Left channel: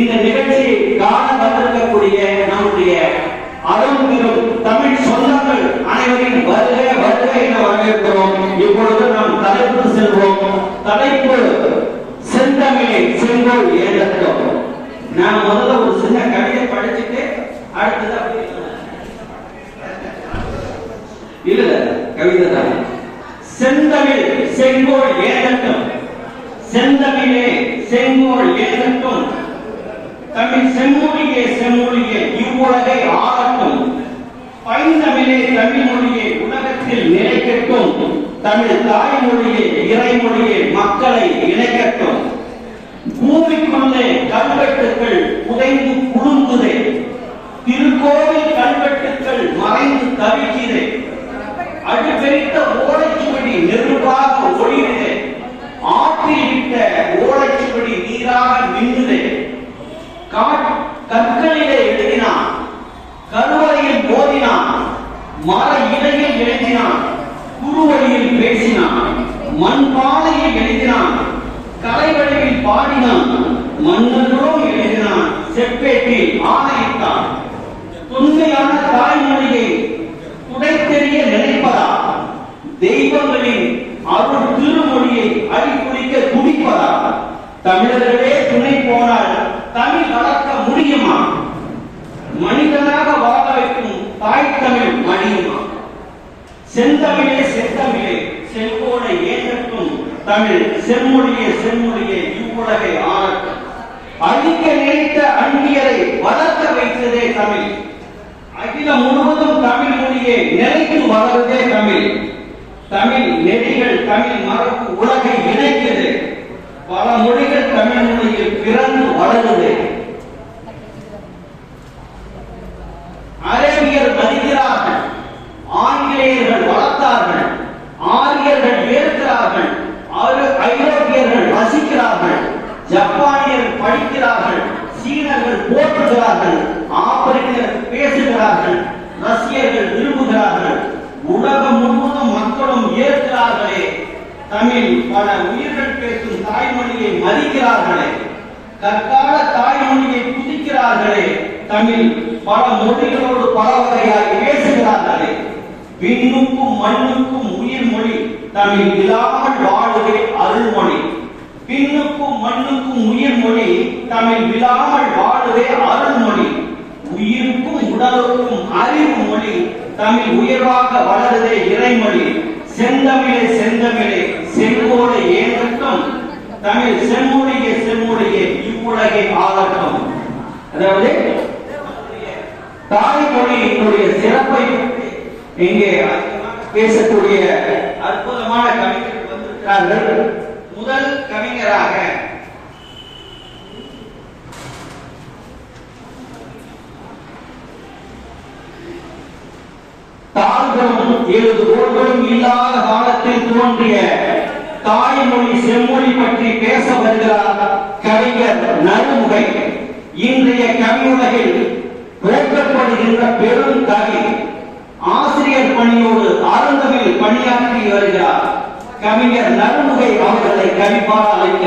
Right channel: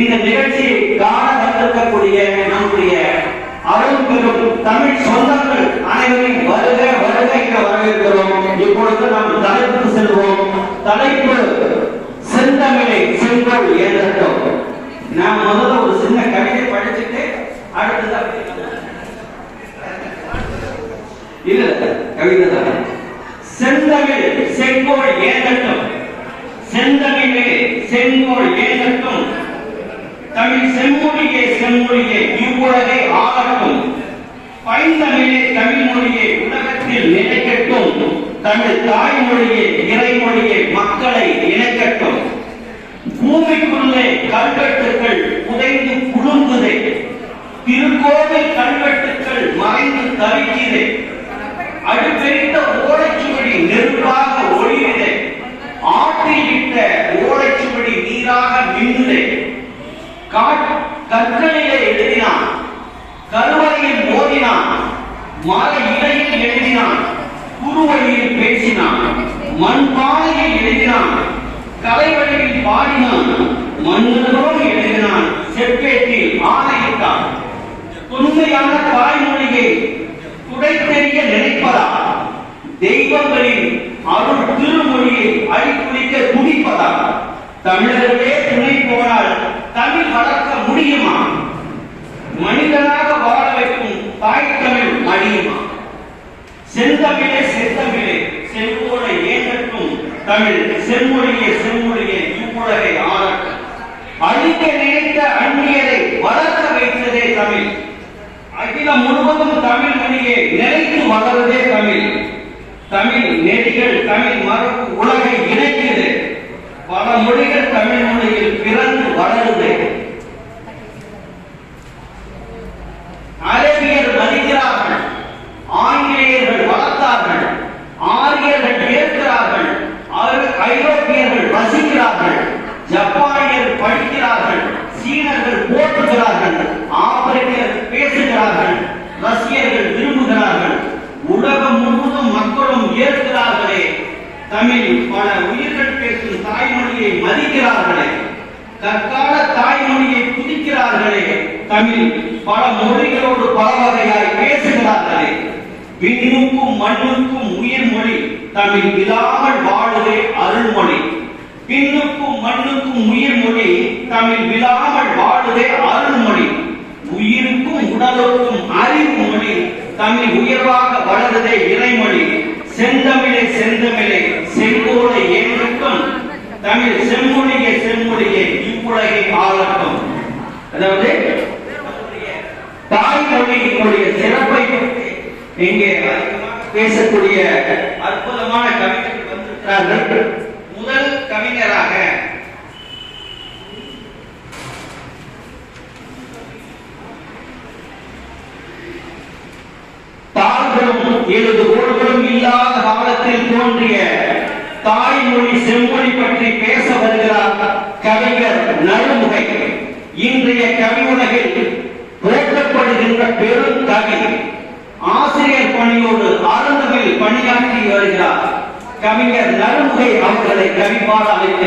இந்த நிகழ்ச்சியை காண வந்திருக்கக்கூடிய நம்முடைய அரும்பெரும் தமிழ் சொந்தங்கள் அனைவரையும் வருக வருக என வரவேற்கிறோம். இப்பொழுது நாம் தலைப்பு செல்வோம். தலைப்பு செந்தமிழை செங்கோல் ஏற்றட்டும். நான் முதல்ல ஒரு சின்ன கவிதை படிச்சுட்டு அடுத்ததான் இல்ல கவிதை தான். செந்தமிழ் செங்கோல் ஏற்றட்டும், செந்தமிழே செங்கோல் ஏற்றட்டும், தமிழ் செம்மொழியே செம்மொழியே இவ்வுலகை ஆளட்டும், பைந்தமிழே தமிழ் மொழியே உலகத்தில் நிலைக்கட்டும், தமிழ் தாய்மொழியே இறைமொழியே மக்களை இணைக்கட்டும். பூமிக்குள்ளே கல்வெட்டுக்கள் புதைந்து குலுங்குதே, திருக்கோவில் கல்வெட்டுக்கள் மறைந்து தவிக்கிறே, அடுப்பெரித்த ஓலைச்சுவடி நெருப்பாக ஒளியுதே, ஆற்றில் இட்ட ஓலைச்சுவடி நீராக மின்னுதே, கற்களிலே எழுதினான், கருவறையில் ஓதினான், மர இலையில் எழுதினான், குறுவழியில் பேசினான், மண்பானையில் எழுதினான், கலைவடிவில் பாடினான், மன்னரும் எழுதினான், செப்பேட்டில் ஆணையிட்டான். உண்மையான தாய்மொழியை துடைத்தெறிய நினைப்பதா, தெய்வங்களின் அருள் திருமொழியை அழிக்குளிக்க துடிப்பதா? தமிழர்களே துணை போனால் தமிழ் வளர்க்க முடியுமா? மனிதனாக வாழ வைக்கும் தாய் தமிழ் அழியுமா? செந்தமிழே செந்தமிழே செங்கோலை ஏற்றட்டும், தமிழ் செம்மொழியே செம்மொழியே இவ்வுலகை ஆளட்டும். அழிக்க நினைத்த அந்நியரை வளர்க்க வைத்ததே தமிழ். அகிலம் முழுவதும் தமிழ் மொழியை நிலைத்து வளருதே தமிழ். தமிழ் நெறிகள் தமிழ் மரபு உலகை இணைக்கிறது. பல மொழிகள் தமிழ் மொழியில் பிறந்து வளருது. அரேபியர் மதிக்கிறார்கள், ஆங்கிலேயர்கள் வளர்த்தார்கள், ஆரியர்கள் ஏற்கிறார்கள், ஐரோப்பியர்கள் வசிக்கிறார்கள், ஜப்பானியர் படிக்கிறார்கள், சீனர்கள் போற்றுகிறார்கள், ஆப்பிரிக்கர் பேசுகிறார்கள், ரஷ்யர்கள் விரும்புகிறார்கள், உலகம் முழுவதும் மக்களும் ஏற்கிறார்களே. தமிழ் பல உயிர்கள் பேசும் தாய்மொழியை மதிக்கிறார்களே, கற்கால தாய்மொழியை புதிக்கிறார்களே. தமிழ் பல மொழிகளோடு பல வகையாய் பேசுகிறார்களே. விண்ணுக்கும் மண்ணுக்கும் உயிர் மொழி தமிழ் இல்லாமல் வாழுதே அருள்மொழி. பின்னுக்கும் மண்ணுக்கும் உயிர் மொழி தமிழ் விழாமல் வாழுதே அருள்மொழி. உயிருக்கும் உடலுக்கும் அறிவு மொழி தமிழ் உயர்வாக வளருதே இறைமொழி. செந்தமிழே செந்தமிழே செங்கோலை ஏற்றட்டும், தமிழ் செம்மொழியே செம்மொழியே இவ்வுலகை ஆளட்டும். அதாவது தாய்மொழியினுடைய சிறப்பை பற்றி இங்கே பேசக்கூடிய அற்புதமான கவிஞர்கள் வந்திருக்கிறார்கள். முதல் கவிஞராக தாள்களும் எழுதுகோள்களும் இல்லாத காலத்தில் தோன்றிய தாய்மொழி செம்மொழி பற்றி பேச வருகிறார் கவிஞர் நறுமுகை. இன்றைய கவியுலகில் போற்றப்படுகின்ற பெரும் கவி, ஆசிரியர் பணியோடு ஆரம்பத்தில் பணியாற்றி வருகிறார் கவிஞர் நறுமுகை அவர்களை கவிபாட அழைக்க